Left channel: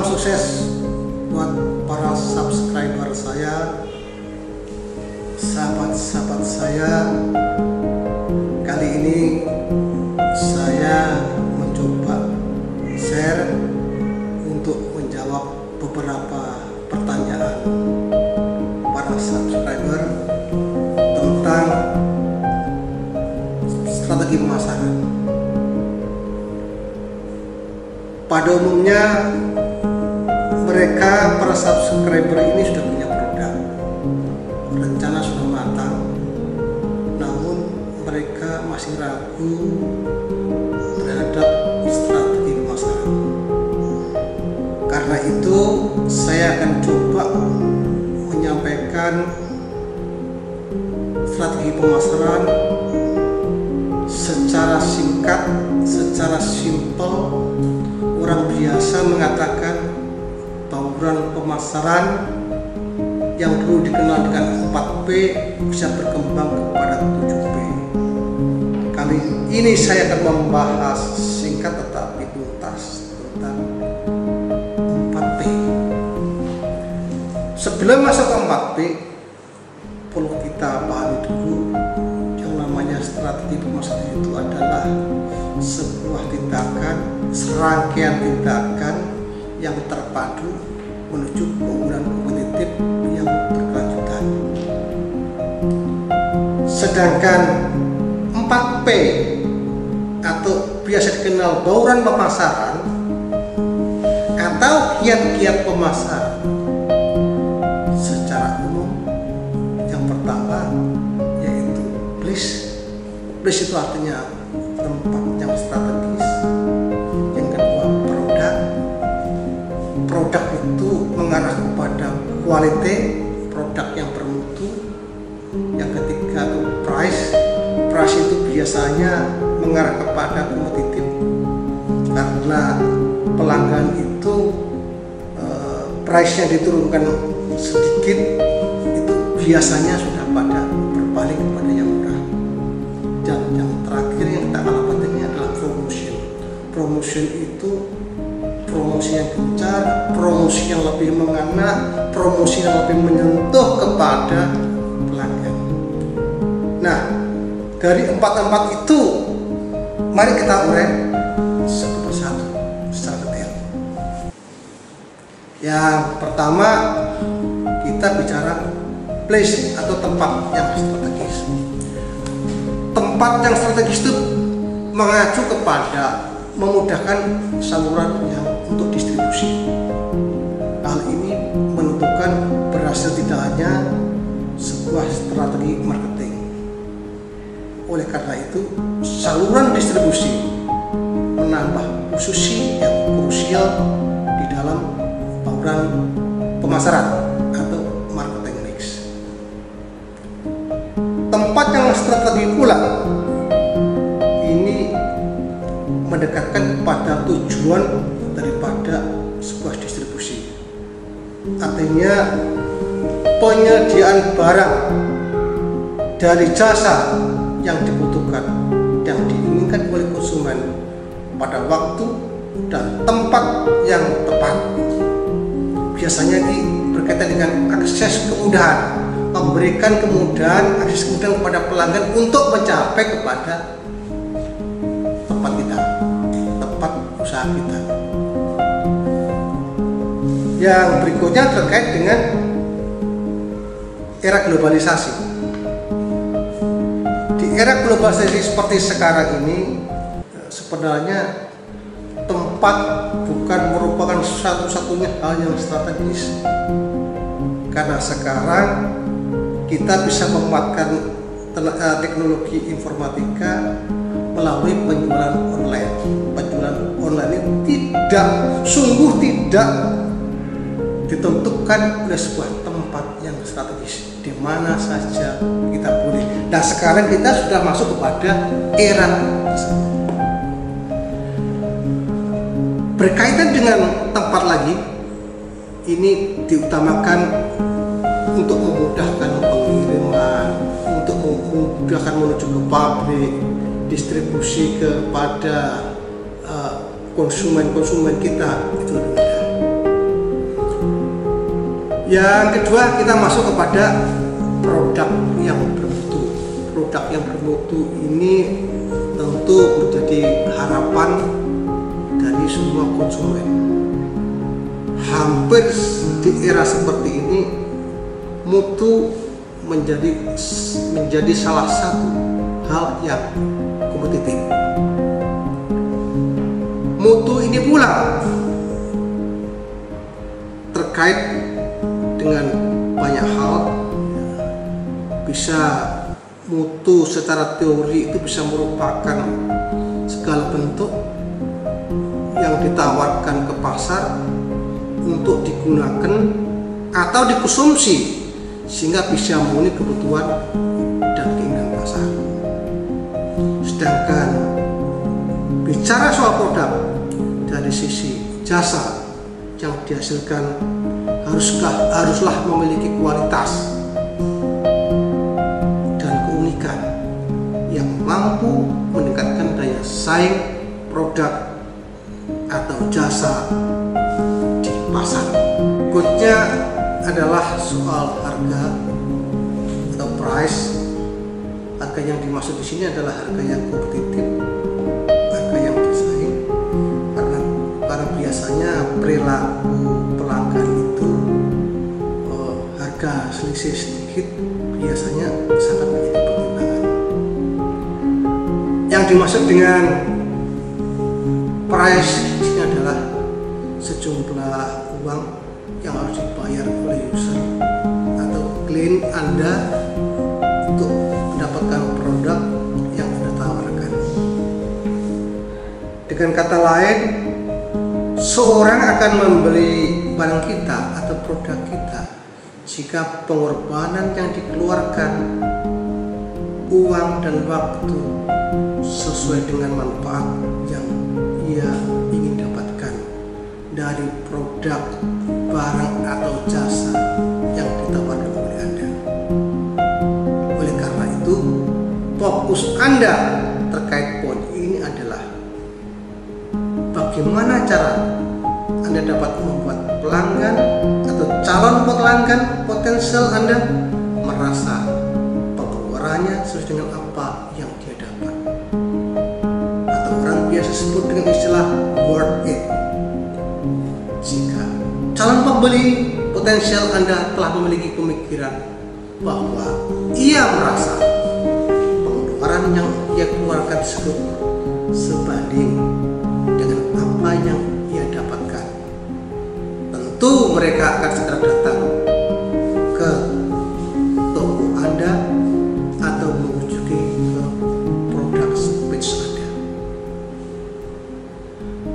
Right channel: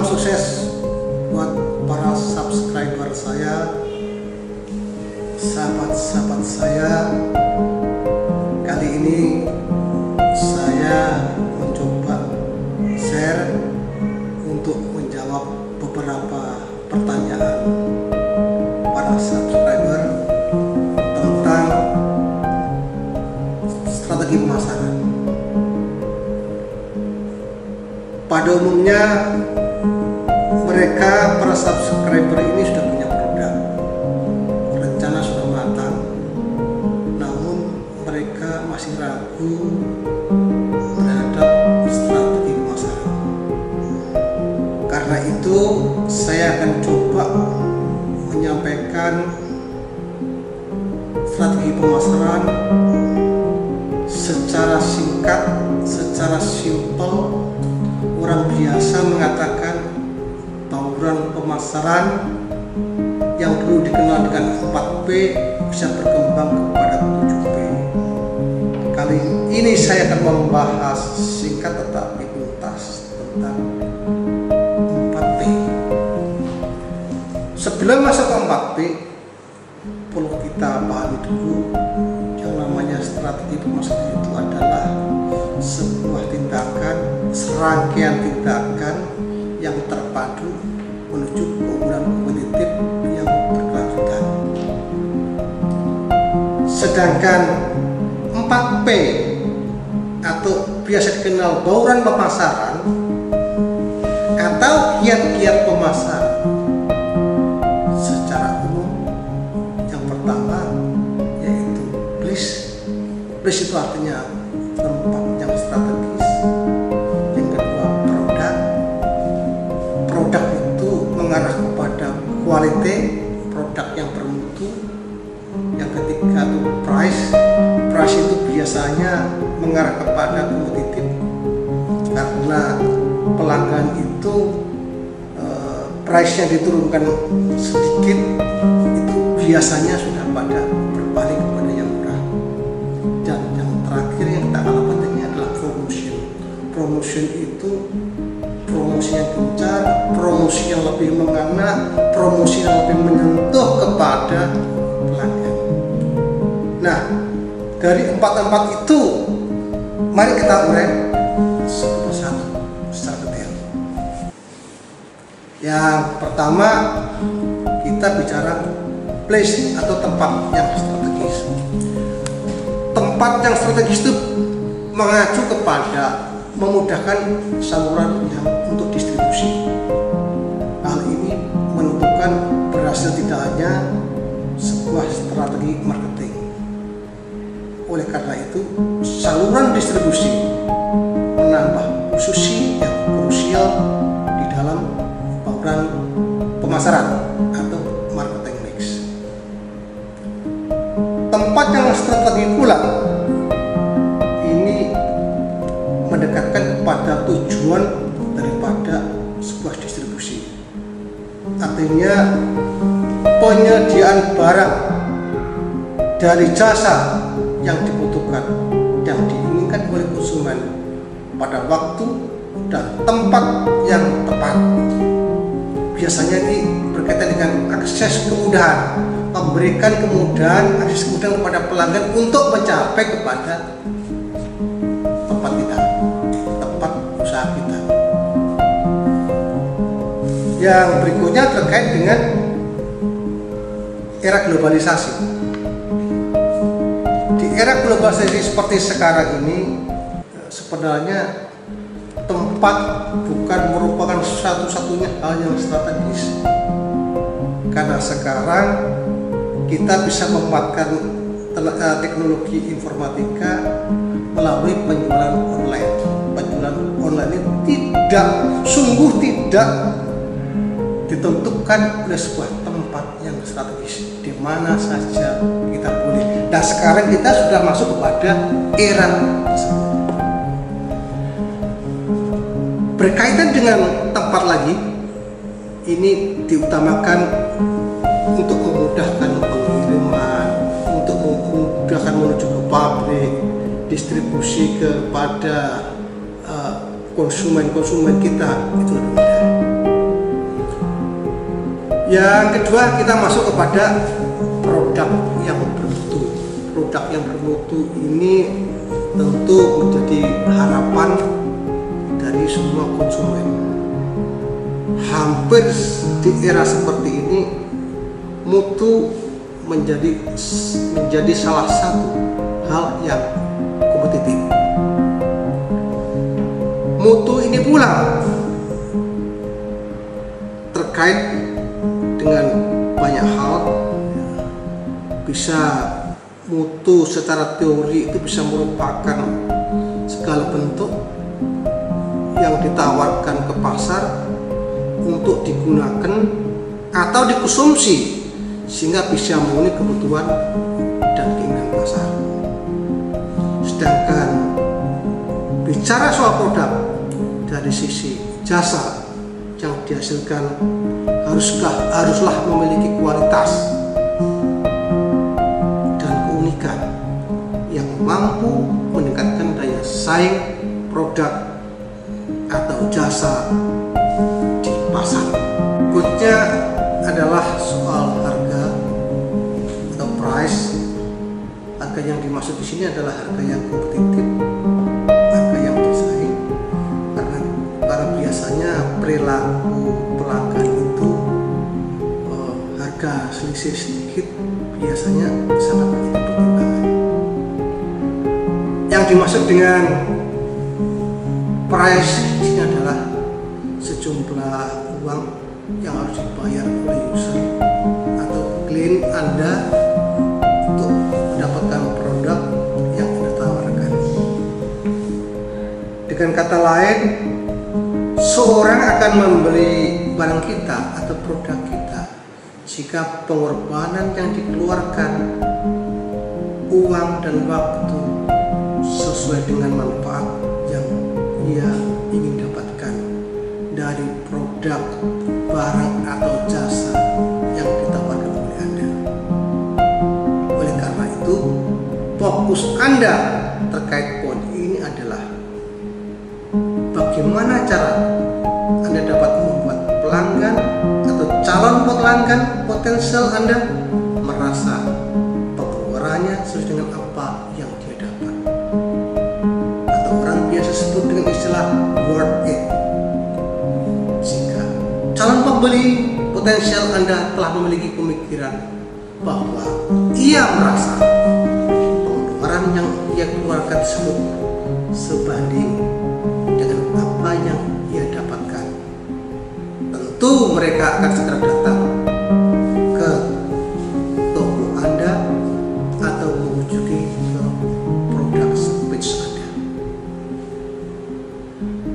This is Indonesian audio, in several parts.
Salam sukses buat para subscriber saya, sahabat-sahabat saya. Kali ini saya mencoba share untuk menjawab beberapa pertanyaan para subscriber tentang strategi pemasaran. Pada umumnya mereka, para subscriber ini sudah punya produk, rencana sudah matang, namun mereka masih ragu terhadap strategi pemasaran. Karena itu saya akan coba menyampaikan strategi pemasaran secara singkat, secara simpel. Orang biasa mengatakan bauran pemasaran yang dulu dikenal dengan 4P bisa berkembang kepada 7P. Kali ini saya akan membahas singkat tetapi tuntas tentang 4P. Sebelum masuk ke 4P, perlu kita pahami dulu yang namanya strategi pemasaran itu adalah sebuah tindakan, serangkaian tindakan yang terpadu menuju keunggulan kompetitif yang berkelanjutan. Sedangkan 4P atau biasa dikenal bauran pemasaran atau kiat-kiat pemasaran secara umum, yang pertama yaitu place. Place itu artinya tempat yang strategis. Yang kedua produk itu mengarah kepada quality, produk yang bermutu. Yang ketiga itu price itu biasanya mengarah kepada kompetitif, karena pelanggan itu price-nya diturunkan sedikit itu biasanya sudah pada berpaling kepada yang murah. Dan yang terakhir yang tak kalah pentingnya adalah promotion. Promotion itu promosi yang gencar, promosi yang lebih mengena, promosi yang lebih menyentuh kepada pelanggan. Nah, dari empat itu mari kita urai satu persatu secara detail. Yang pertama kita bicara place atau tempat yang strategis. Tempat yang strategis itu mengacu kepada memudahkan saluran yang untuk distribusi. Hal ini menentukan berhasil tidaknya sebuah strategi marketing. Oleh karena itu, saluran distribusi menambah posisi yang krusial di dalam bauran pemasaran atau marketing mix. Tempat yang strategi pula ini mendekatkan kepada tujuan daripada sebuah distribusi. Artinya penyediaan barang dari jasa yang dibutuhkan, yang diinginkan oleh konsumen pada waktu dan tempat yang tepat. Biasanya ini berkaitan dengan akses kemudahan, memberikan kemudahan, akses kemudahan kepada pelanggan untuk mencapai kepada tempat kita, tempat usaha kita. Yang berikutnya terkait dengan era globalisasi. Di era globalisasi seperti sekarang ini, sebenarnya tempat bukan merupakan satu-satunya hal yang strategis, karena sekarang kita bisa memanfaatkan teknologi informatika melalui penjualan online. Penjualan online ini sungguh tidak ditentukan oleh sebuah tempat yang strategis, di mana saja kita boleh. Nah, sekarang kita sudah masuk kepada era tersebut. Berkaitan dengan tempat lagi, ini diutamakan untuk memudahkan pengiriman, untuk memudahkan menuju ke pabrik, distribusi kepada konsumen-konsumen kita, itu lebih mudah. Yang kedua, kita masuk kepada produk yang bermutu. Produk yang bermutu ini tentu menjadi harapan dari semua konsumen. Hampir di era seperti ini, mutu menjadi salah satu hal yang kompetitif. Mutu ini pula terkait dengan banyak hal. Bisa mutu secara teori itu bisa merupakan segala bentuk yang ditawarkan ke pasar untuk digunakan atau dikonsumsi sehingga bisa memenuhi kebutuhan dan keinginan pasar. Sedangkan bicara soal produk dari sisi jasa yang dihasilkan haruslah memiliki kualitas dan keunikan yang mampu meningkatkan daya saing produk atau jasa di pasar. Berikutnya adalah soal harga atau price. Harga yang dimaksud di sini adalah harga yang kompetitif, harga yang bersaing, karena biasanya perilaku pelanggan itu harga selisih sedikit biasanya sangat menjadi pertimbangan. Yang dimaksud dengan price di sini adalah sejumlah uang yang harus dibayar oleh user atau klien Anda untuk mendapatkan produk yang Anda tawarkan. Dengan kata lain, seorang akan membeli barang kita atau produk kita jika pengorbanan yang dikeluarkan, uang dan waktu sesuai dengan manfaat yang ia ingin dapatkan dari produk, barang atau jasa yang ditawarkan oleh Anda. Oleh karena itu, fokus Anda terkait poin ini adalah bagaimana cara Anda dapat membuat pelanggan atau calon pelanggan potensial Anda merasa pengeluarannya sesuai dengan apa yang dia dapat, atau orang biasa sebut dengan istilah worth it. Jika calon pembeli potensial Anda telah memiliki pemikiran bahwa ia merasa pengeluaran yang ia keluarkan tersebut sebanding dengan apa yang ia dapatkan, tentu mereka akan segera datang ke toko Anda atau mengunjungi ke produk page Anda.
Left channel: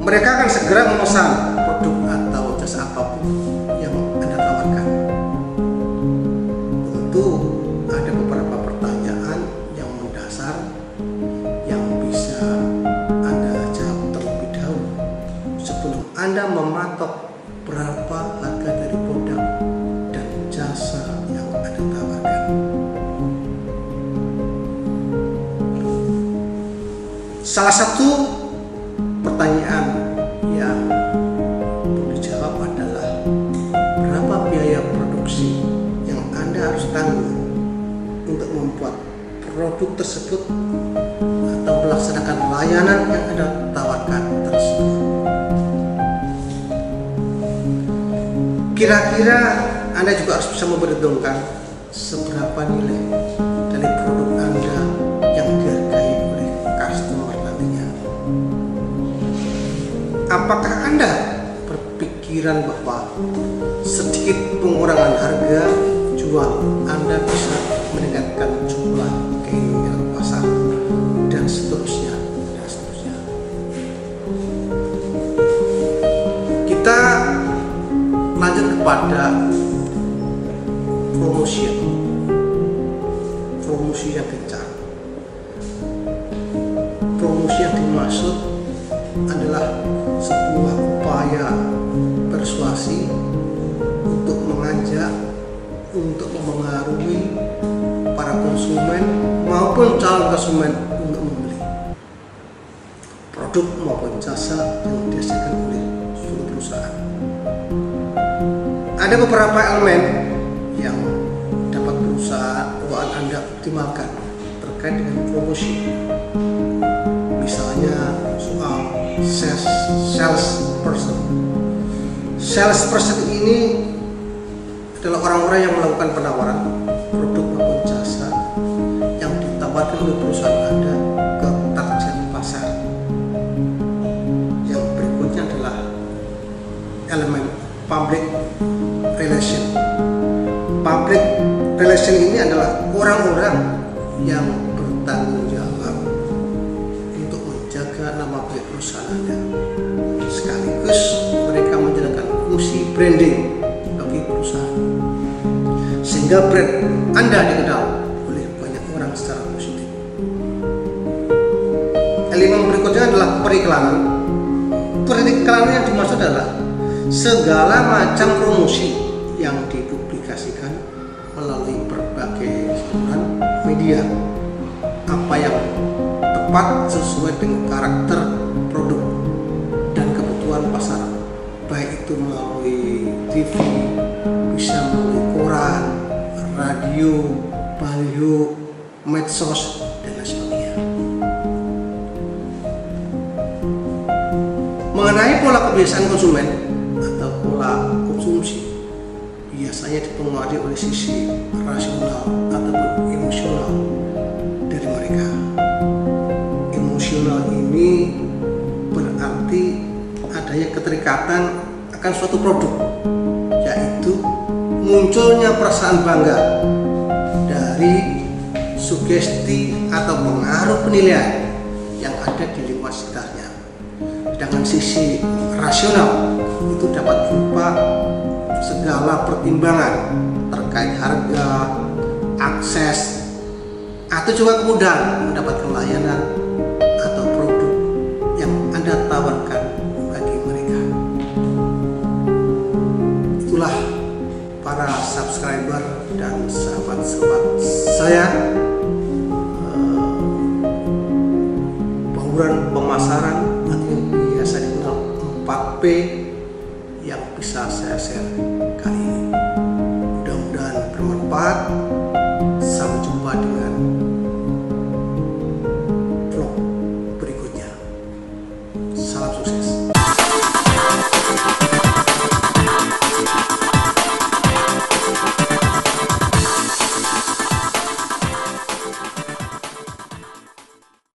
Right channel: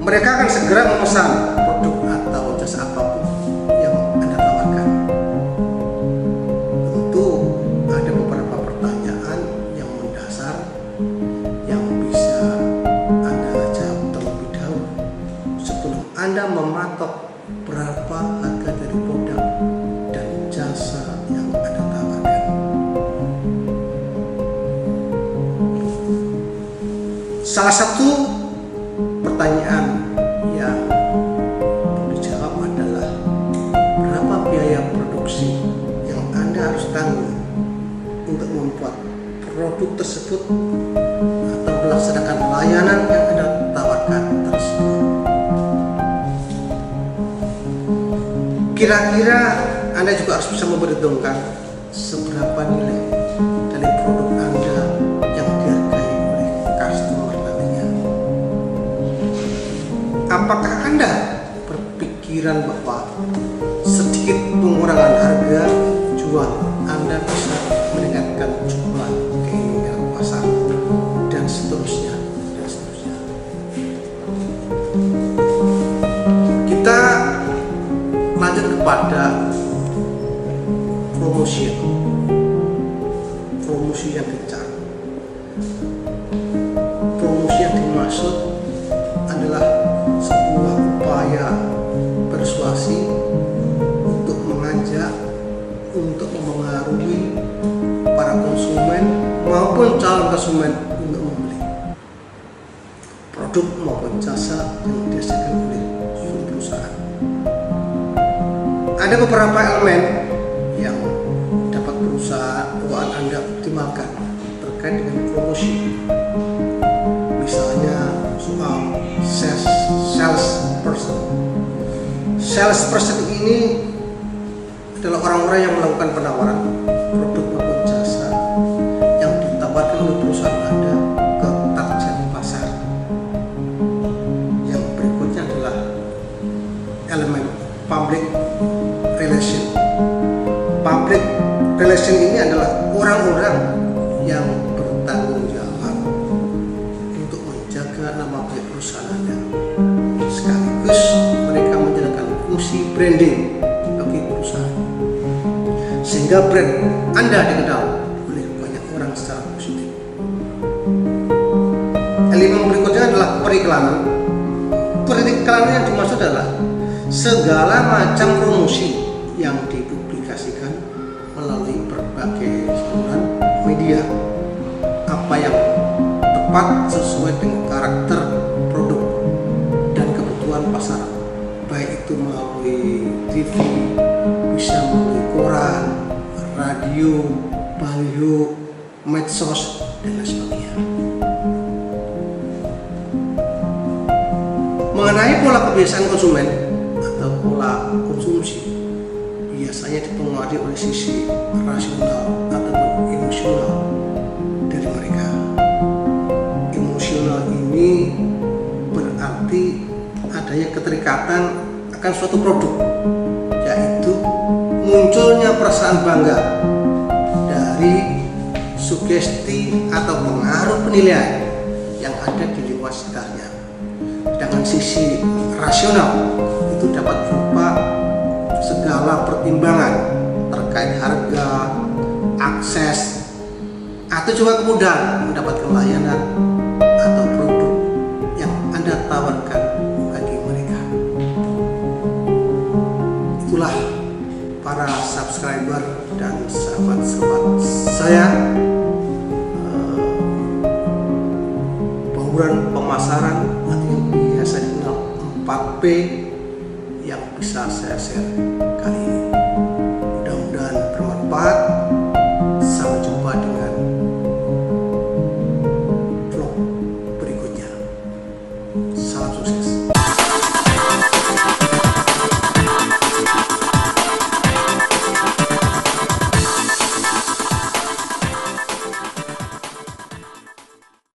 Mereka akan segera memesan produk atau jasa apapun yang Anda tawarkan. Tentu ada beberapa pertanyaan yang mendasar yang bisa Anda jawab terlebih dahulu sebelum Anda mematok berapa harga dari produk dan jasa yang Anda tawarkan. Salah satu pertanyaan yang perlu dijawab adalah berapa biaya produksi yang Anda harus tanggung untuk membuat produk tersebut atau melaksanakan layanan yang Anda tawarkan tersebut. Kira-kira Anda juga harus bisa memperhitungkan seberapa nilai dari produk Anda yang dihargai oleh customer nantinya. Apakah Anda berpikiran bahwa sedikit pengurangan harga jual Anda bisa meningkatkan jumlah keinginan pasar dan seterusnya dan seterusnya. Kita lanjut kepada promosi yang gencar. Promosi yang dimaksud adalah sebuah upaya persuasi untuk mengajak, untuk memengaruhi para konsumen maupun calon konsumen untuk membeli produk maupun jasa yang dihasilkan oleh suatu perusahaan. ada beberapa elemen yang dapat perusahaan Anda optimalkan terkait dengan promosi. Misalnya soal sales person. Sales person ini adalah orang-orang yang melakukan penawaran produk maupun jasa yang ditawarkan oleh perusahaan Anda ke target pasar. Yang berikutnya adalah elemen public relation. Public relation ini adalah orang-orang yang bertanggung jawab untuk menjaga nama baik perusahaan Anda. Sekaligus mereka menjalankan fungsi branding bagi perusahaan, sehingga brand Anda dikenal oleh banyak orang secara positif. Elemen berikutnya adalah periklanan. Periklanan yang dimaksud adalah segala macam promosi yang dipublikasikan melalui berbagai saluran media, apa yang tepat sesuai dengan karakter produk dan kebutuhan pasar, baik itu melalui TV, bisa melalui koran, radio, baliho, medsos, dan lain sebagainya. Mengenai pola kebiasaan konsumen atau pola konsumsi, biasanya dipengaruhi oleh sisi rasional ataupun emosional dari mereka. Emosional ini berarti adanya keterikatan akan suatu produk, yaitu munculnya perasaan bangga dari sugesti atau pengaruh penilaian yang ada di lingkungan sekitarnya. Sedangkan sisi rasional itu dapat berupa segala pertimbangan terkait harga, akses, atau juga kemudahan mendapatkan layanan atau produk yang Anda tawarkan bagi mereka. Itulah para subscriber dan sahabat-sahabat saya, bauran pemasaran atau yang biasa dikenal 4P yang bisa saya share kali ini. Mudah-mudahan bermanfaat